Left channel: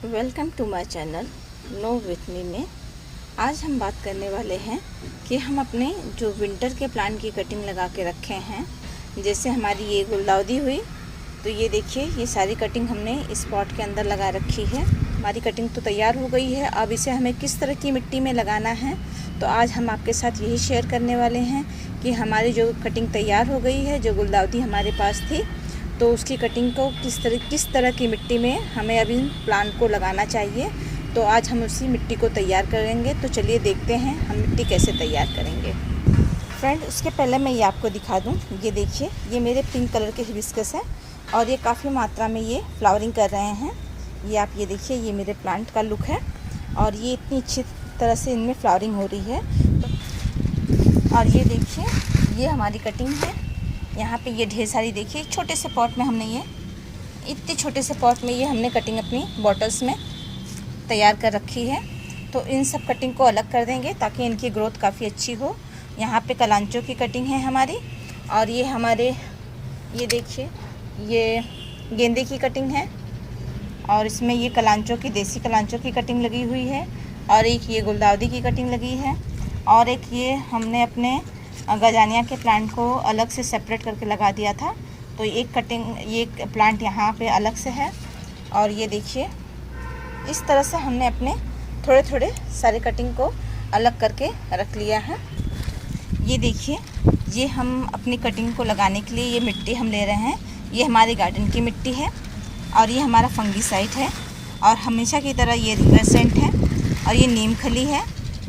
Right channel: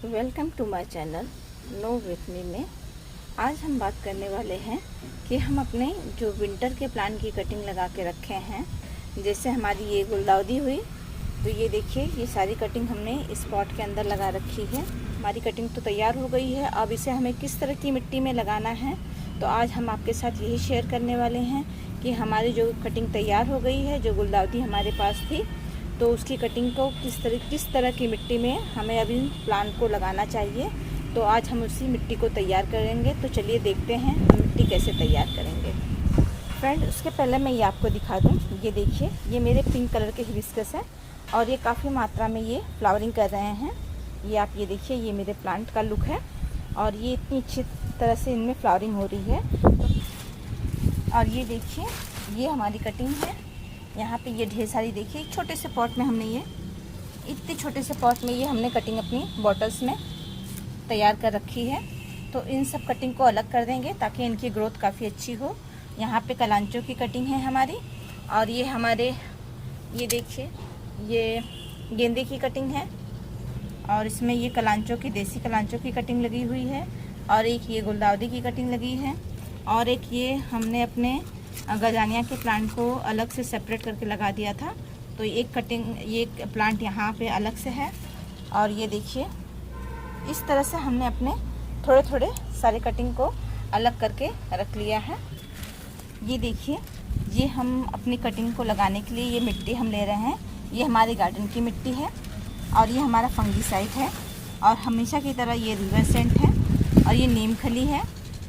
Welcome to my channel know with me में। आज हम बात करने वाले हैं कि हम अपने जो विंटर के प्लांट की कटिंग लगा के रखे हैं। जैसे हमारी ये गुलदाउदी हुई, तो ये देखिए ये सारी कटिंग हमने इस पॉट के अंदर लगा रखी है। हमारी कटिंग तो तैयार हो गई है। अब इसे हमें किस तरह की मिट्टी में लगाना है, तो आज हम आपके साथ यही शेयर करने वाले हैं कि हमारी जो कटिंग तैयार हो गई है, जो गुलदाउदी हमारे पास थी, तो उसकी कटिंग को किस तरह की मिट्टी में हमें अभी प्लांट को लगाना चाहिए। तो आज हम उसी मिट्टी को तैयार करेंगे। तो चलिए देखते हैं हम मिट्टी कैसे तैयार करेंगे। फ्रेंड, उसके पहले मैं ये आपको दिखा दूँ। ये देखिए, ये मेरे पिंक कलर के हिबिस्कस है और ये काफ़ी मात्रा में ये फ्लावरिंग कर रहे हैं। ये आप ये देखिए, ये मेरे प्लांट का लुक है और ये इतनी अच्छी तरह से इनमें फ्लावरिंग हो रही है। और ये देखिए, ये हमारी कटिंग है। यहाँ पे ये ढेर सारी देखिए, छोटे से पॉट में हमने ये इतने छोटे से पॉट में ये हमने कटिंग अपनी बॉटल्स में तैयार कर रखी है। तो इन सब कटिंग को अलग कर देंगे ताकि इनकी ग्रोथ काफ़ी अच्छी हो। यहाँ पे कलांचों की कटिंग है हमारी, और ये हमारे ये देखिए ये गेंदे की कटिंग है, और इसमें ये कलांचों की देसी कलांचों की कटिंग लगी हुई है, और एक ये गुलदाउदी की कटिंग लगी है, और एक ये हमने अपने गजानिया के प्लांट को अलग से सेपरेट करके लगा दिया था। तो एक कटिंग, ये प्लांट यहाँ पे अलग से है। और ये देखिए, इस तरह से हमने अपने थोड़े थोड़े सारे कटिंग को अलग करके रख लिया है। ये देखिए, ये हम अपनी कटिंग को लगाने के लिए ये मिट्टी हम ले रहे हैं। ये हमारे गार्डन की मिट्टी है और ये हमारा फंगीसाइड है, और हमेशा की तरह ये रिवर सेंट है, और ये नीम खली है,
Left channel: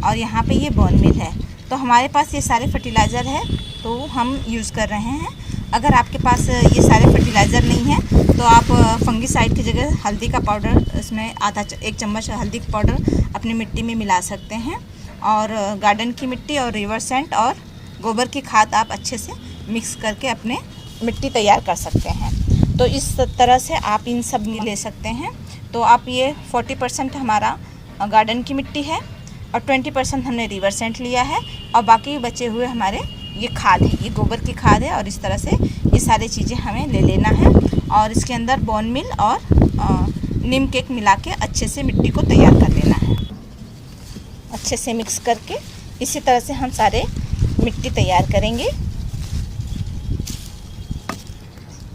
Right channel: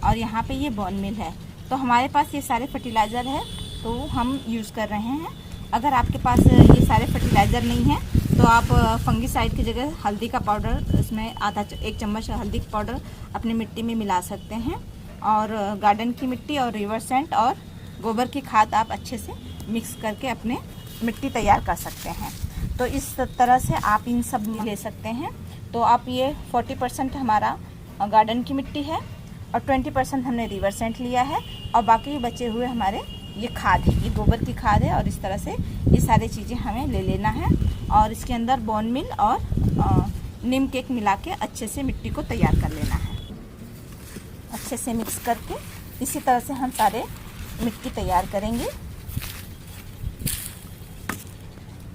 और यहाँ पे ये बोन मिल है। तो हमारे पास ये सारे फर्टिलाइज़र है, तो हम यूज़ कर रहे हैं। अगर आपके पास ये सारे फर्टिलाइज़र नहीं है तो आप फंगीसाइड की जगह हल्दी का पाउडर, इसमें एक चम्मच हल्दी का पाउडर अपनी मिट्टी में मिला सकते हैं। और गार्डन की मिट्टी और रिवर सेंट और गोबर की खाद आप अच्छे से मिक्स करके अपने मिट्टी तैयार कर सकते हैं। तो इस तरह से आप इन सब ले सकते हैं। तो आप ये 40% हमारा गार्डन की मिट्टी है और 20% हमने रिवर सेंट लिया है, और बाकी बचे हुए हमारे ये खाद है, ये गोबर की खाद है। और इस तरह से ये सारी चीज़ें हमें ले लेना है, और इसके अंदर बोन मिल और नीम केक मिला के अच्छे से मिट्टी को तैयार कर लेना है। अच्छे से मिक्स करके इसी तरह से हम सारे मिट्टी तैयार करेंगे।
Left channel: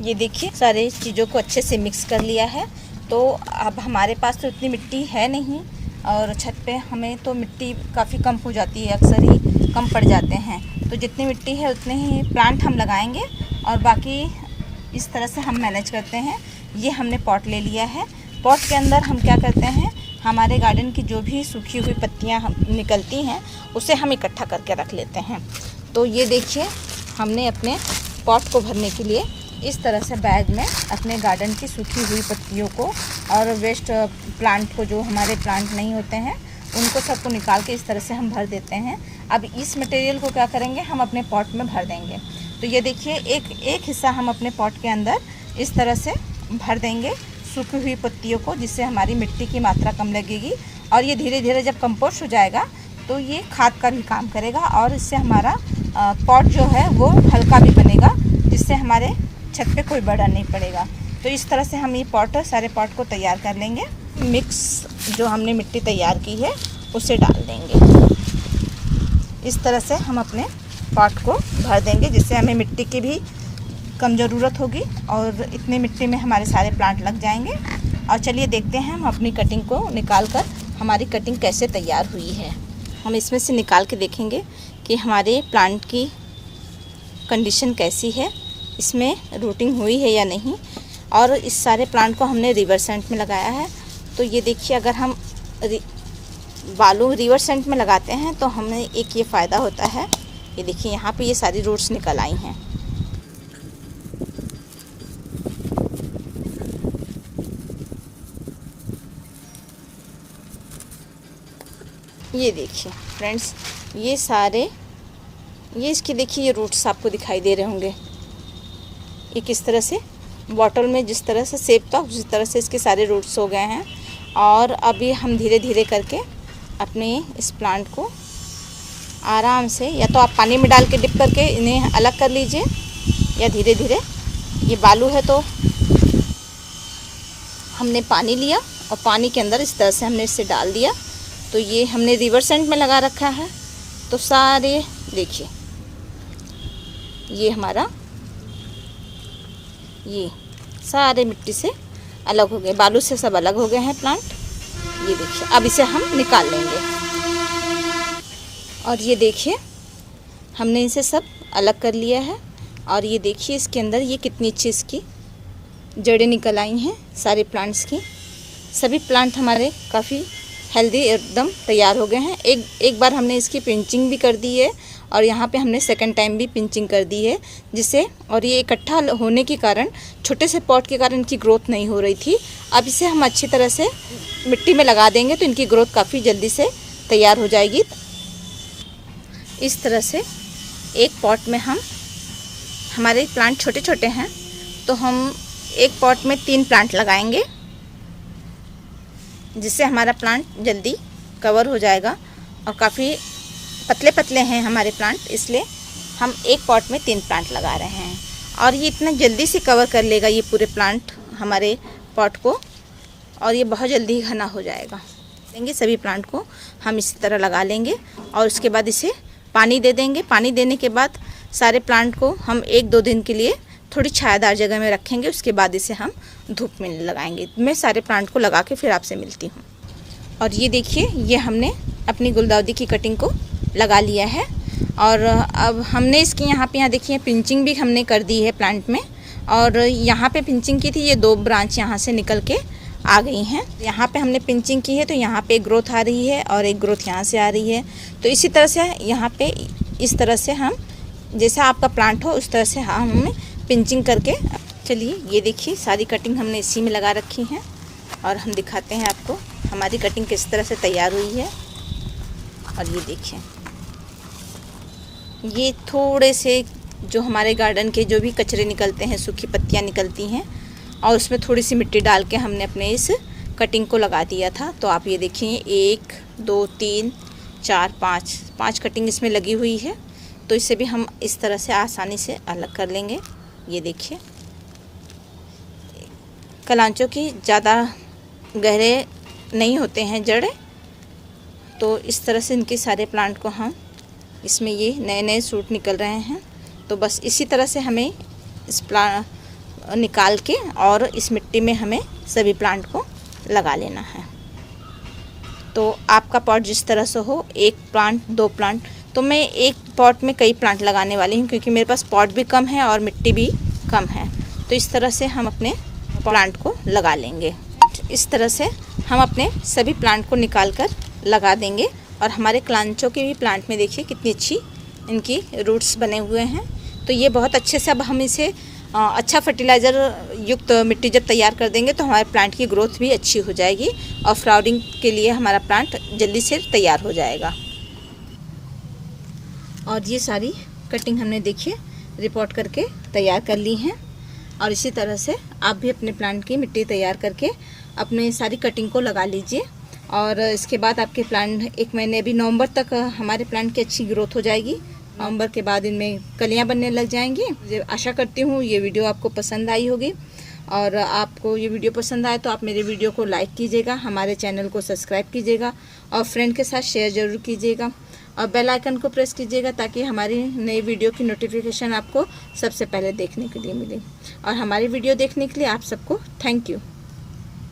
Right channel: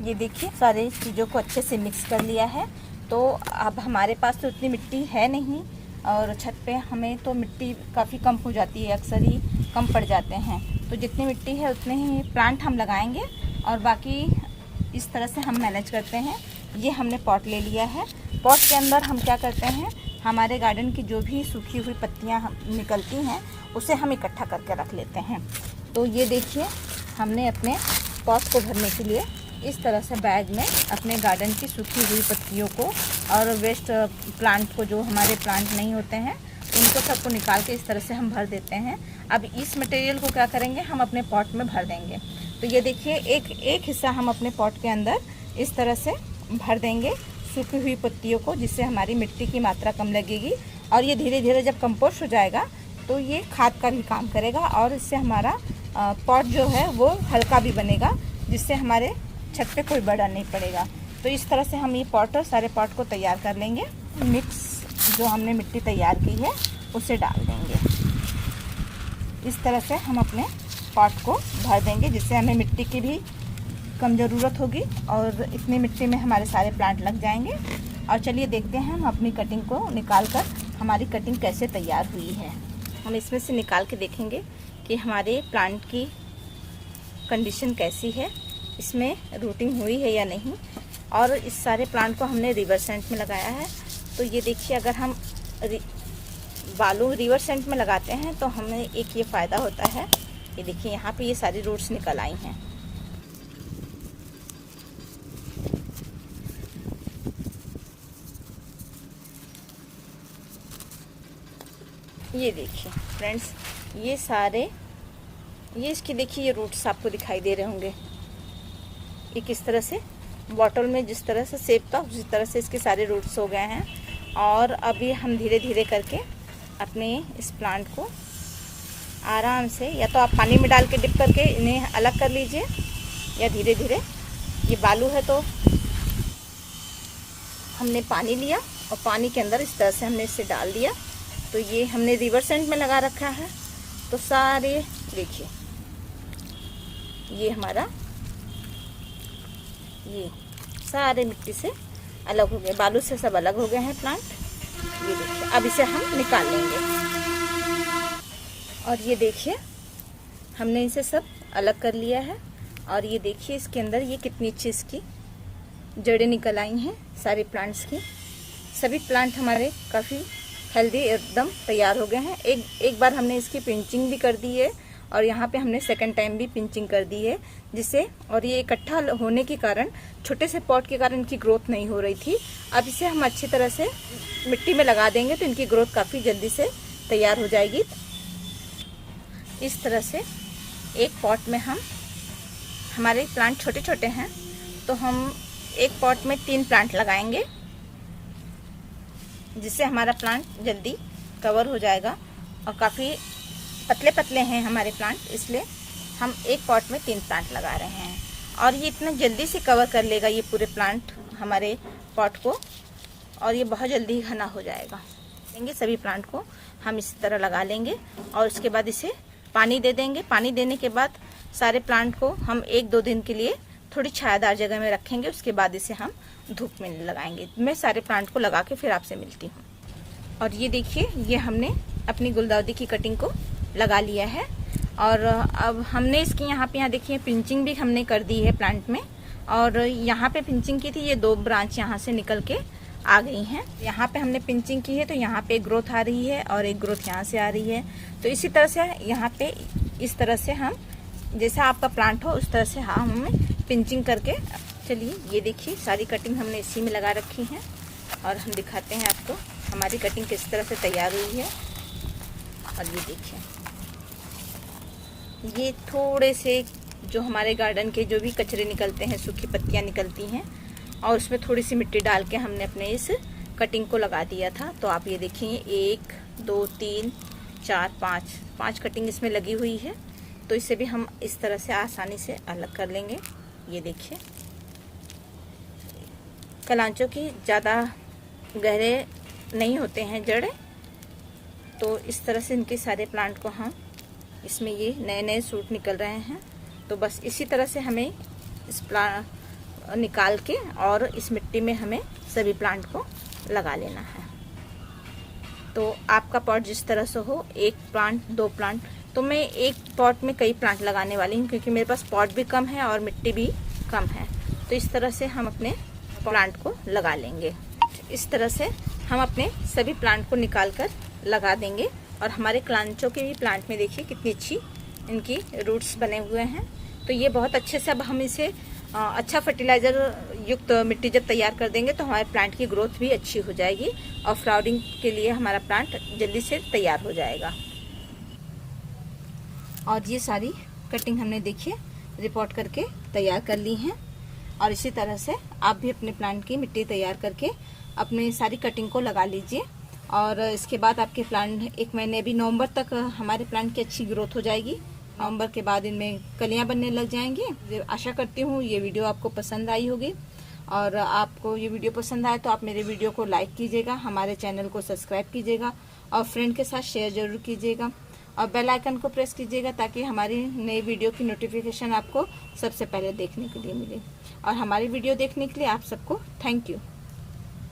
ये देखिए, सारे चीज़ों को अच्छे से मिक्स कर लिया है। तो अब हमारे पास तो इतनी मिट्टी है नहीं, और छत पे हमें तो मिट्टी काफ़ी कम हो जाती है, अक्सर ही कम पड़ जाते हैं। तो जितनी मिट्टी है उतने ही प्लांट हम लगाएंगे, और बाकी इस तरह से हम मैनेज करते हैं। ये हमने पॉट ले लिया है। पॉट के अंदर हम क्या करते हैं, हमारे गार्डन की जो भी सूखी हुई पत्तियां निकलती हैं उसे हम इकट्ठा करके रख लेते हैं। तो ये देखिए, हमने अपने पॉट को भरने के लिए इस तरह से बैग में अपने गार्डन की सूखी हुई पत्तियों को और वेस्ट प्लांट को, जो हमारे प्लांट नहीं होते हैं, उनको सबको निकाल के इस तरह से हम भर देते हैं। अब इस मटेरियल को क्या करेंगे, हम अपने पॉट में भर देंगे। तो ये देखिए, एक हिस्सा हम अपने पॉट के अंदर इस तरह से भर देंगे सूखी हुई पत्तियों को, जिससे हमारी मिट्टी की मात्रा कम लगेगी, और ये धीरे धीरे जब कंपोस्ट हो जाएगा तो ये खाद का भी काम करेगा, और इससे हमारा पॉट जो है वो हल्का भी बनेगा, जिससे हमारे छत पे कोई बर्डन नहीं पड़ेगा। तो इस तरह से हम ये सारे पॉट को तैयार कर लेंगे। मिक्स जो हमने मिट्टी तैयार की है उसे डाल देंगे। इस तरह से हम अपने पॉट को भर देंगे, जिससे हमें मिट्टी की भी कम ज़रूरत होगी, और इतनी मिट्टी में हमारे सारे प्लांट लग जाएंगे। और चलिए देखते हैं हम अपनी कटिंग को निकाल कर हमारी कटिंग कैसे तैयार हुई है। हम इसमें से निकाल के देखेंगे कि हमारे प्लांट की कंडीशन कैसी है, इसमें रूटिंग हुई है या नहीं। और इस सारे प्लांट को हमने रिवर सेंट में लगाया है। तो ये देखिए, अगर हम बालू रिवर सेंट में लगाते हैं तो हमें एक ये फ़ायदा होता है। ये देखिए, यहाँ पे ये सारी रूट्स निकल आई हैं। ये देखिए फ्रेंड्स, ये सारे इसकी देखिए, ये रूट्स आपको दिखाई दे रहे होंगे। ये किस तरह से बॉटल में जिस तरह से सेब था उसी तरह से इसके सारे रूट्स हो गए हैं। और अभी हम धीरे धीरे करके अपने इस प्लांट को आराम से, या तो आप पानी में डाल के डिप करके इन्हें अलग कर लीजिए, या धीरे धीरे, ये बालू है तो हमने पानी लिया और पानी के अंदर इस तरह से हमने इसे डाल दिया। तो ये हमने रिवर्स एंड में लगा रखा है। तो सारे देखिए ये हमारा ये सारे मिट्टी से अलग हो गए, बालू से सब अलग हो गए हैं प्लांट। ये देखिए अब इसे हम निकाल लेंगे। और ये देखिए हमने इसे सब अलग कर लिया है। और ये देखिए इसके अंदर ये कितनी अच्छी इसकी जड़ें निकल आई हैं सारे प्लांट्स की। सभी प्लांट हमारे काफ़ी हेल्दी एकदम तैयार हो गए हैं। एक बार हमने इसकी पिंचिंग भी कर दी है और यहाँ पे हमने सेकंड टाइम भी पिंचिंग कर दी है जिससे, और ये इकट्ठा होने के कारण छोटे से पॉट के कारण इनकी ग्रोथ नहीं हो रही थी। अब इसे हम अच्छी तरह से मिट्टी में लगा देंगे तो इनकी ग्रोथ काफ़ी जल्दी से तैयार हो जाएगी। इस तरह से एक पॉट में हमारे प्लांट छोटे छोटे हैं तो हम एक पॉट में 3 प्लांट लगाएंगे जिससे हमारा प्लांट जल्दी कवर हो जाएगा। और काफ़ी पतले पतले हैं हमारे प्लांट, इसलिए हम एक पॉट में 3 प्लांट लगा रहे हैं। और ये इतना जल्दी से कवर कर लेगा ये पूरे प्लांट हमारे पॉट को, और ये बहुत जल्दी घना हो जाएगा। देंगे सभी प्लांट को हम इसी तरह लगा लेंगे और उसके बाद इसे पानी दे देंगे। पानी देने के बाद सारे प्लांट को हम 1-2 दिन के लिए थोड़ी छायादार जगह में रखेंगे। उसके बाद इसे हम धूप में लगाएंगे। मैं सारे प्लांट को लगा के फिर आपसे मिलती हूँ। और ये देखिए ये हमने अपनी गुलदाउदी की कटिंग को लगा लिया है। और अब हमने इसकी यहाँ देखिए पिंचिंग भी हमने कर दी है प्लांट में। और यहाँ पे पिंचिंग की थी, ये 2 ब्रांच यहाँ से निकल के आ गई हैं। यहाँ पे हमने पिंचिंग की है तो यहाँ पे एक ग्रोथ आ रही है और एक ग्रोथ यहाँ से आ रही है। तो इसी तरह से यहाँ पे इस तरह से हम, जैसा आपका प्लांट हो उस तरह से हम पिंचिंग करके, चलिए ये देखिए सारी कटिंग हमने इसी में लगा रखी है और हम दिखाते हैं आपको हमारी कटिंग किस तरह से तैयार हुई है। और ये देखिए ये थोड़े से जो हमारे गार्डन के जो भी कचरे निकलते हैं, सूखी पत्तियां निकलती हैं, और उसमें थोड़ी सी मिट्टी डाल के हमने अपने इस कटिंग को लगा दिया था। तो आप ये देखिए 1 2 3 4 5 कटिंग इसमें लगी हुई है। तो इसे भी हम इस तरह से आसानी से अलग कर लेंगे। ये देखिए कलांचों की ज़्यादा गहरे नहीं होते हैं जड़ें, तो इस तरह से इनके सारे प्लांट को हम, इसमें ये नए नए सूट निकल रहे हैं। तो बस इसी तरह से हमें इस प्लांट निकाल के और इस मिट्टी में हमें सभी प्लांट को लगा लेना है। तो आपका पॉट जिस तरह से हो, 1 प्लांट 2 प्लांट, तो मैं एक पॉट में कई प्लांट लगाने वाली हूँ क्योंकि मेरे पास पॉट भी कम है और मिट्टी भी कम है। तो इस तरह से हम अपने प्लांट को लगा लेंगे। इस तरह से हम अपने सभी प्लांट को निकाल कर लगा देंगे। और हमारे कलांचों के भी प्लांट में देखिए कितनी अच्छी इनकी रूट्स बने हुए हैं। तो ये बहुत अच्छे से, अब हम इसे अच्छा फर्टिलाइज़र युक्त मिट्टी जब तैयार कर देंगे तो हमारे प्लांट की ग्रोथ भी अच्छी हो जाएगी और फ्लावरिंग के लिए हमारा प्लांट जल्दी से तैयार हो जाएगा। और ये सारी कटिंग हमने देखिए रिपोर्ट करके तैयार कर ली हैं। और इसी तरह से आप भी अपने प्लांट की मिट्टी तैयार करके अपने सारी कटिंग को लगा लीजिए। और इसके बाद आपके प्लांट 1 महीने, अभी नवंबर तक हमारे प्लांट की अच्छी ग्रोथ हो जाएगी। नवंबर के बाद इनमें कलियां बनने लग जाएंगी। आशा करती हूँ ये वीडियो आपको पसंद आई होगी। और आपको ये वीडियो पसंद आए तो आप मेरे वीडियो को लाइक कीजिएगा, हमारे चैनल को सब्सक्राइब कीजिएगा और फ्रेंड के साथ शेयर ज़रूर कीजिएगा। और बेल आइकन को प्रेस कीजिएगा ताकि हमारी नई वीडियो की नोटिफिकेशन आपको सबसे पहले देखने के लिए मिले। और हमारी वीडियो देखने के लिए आप सबको थैंक यू।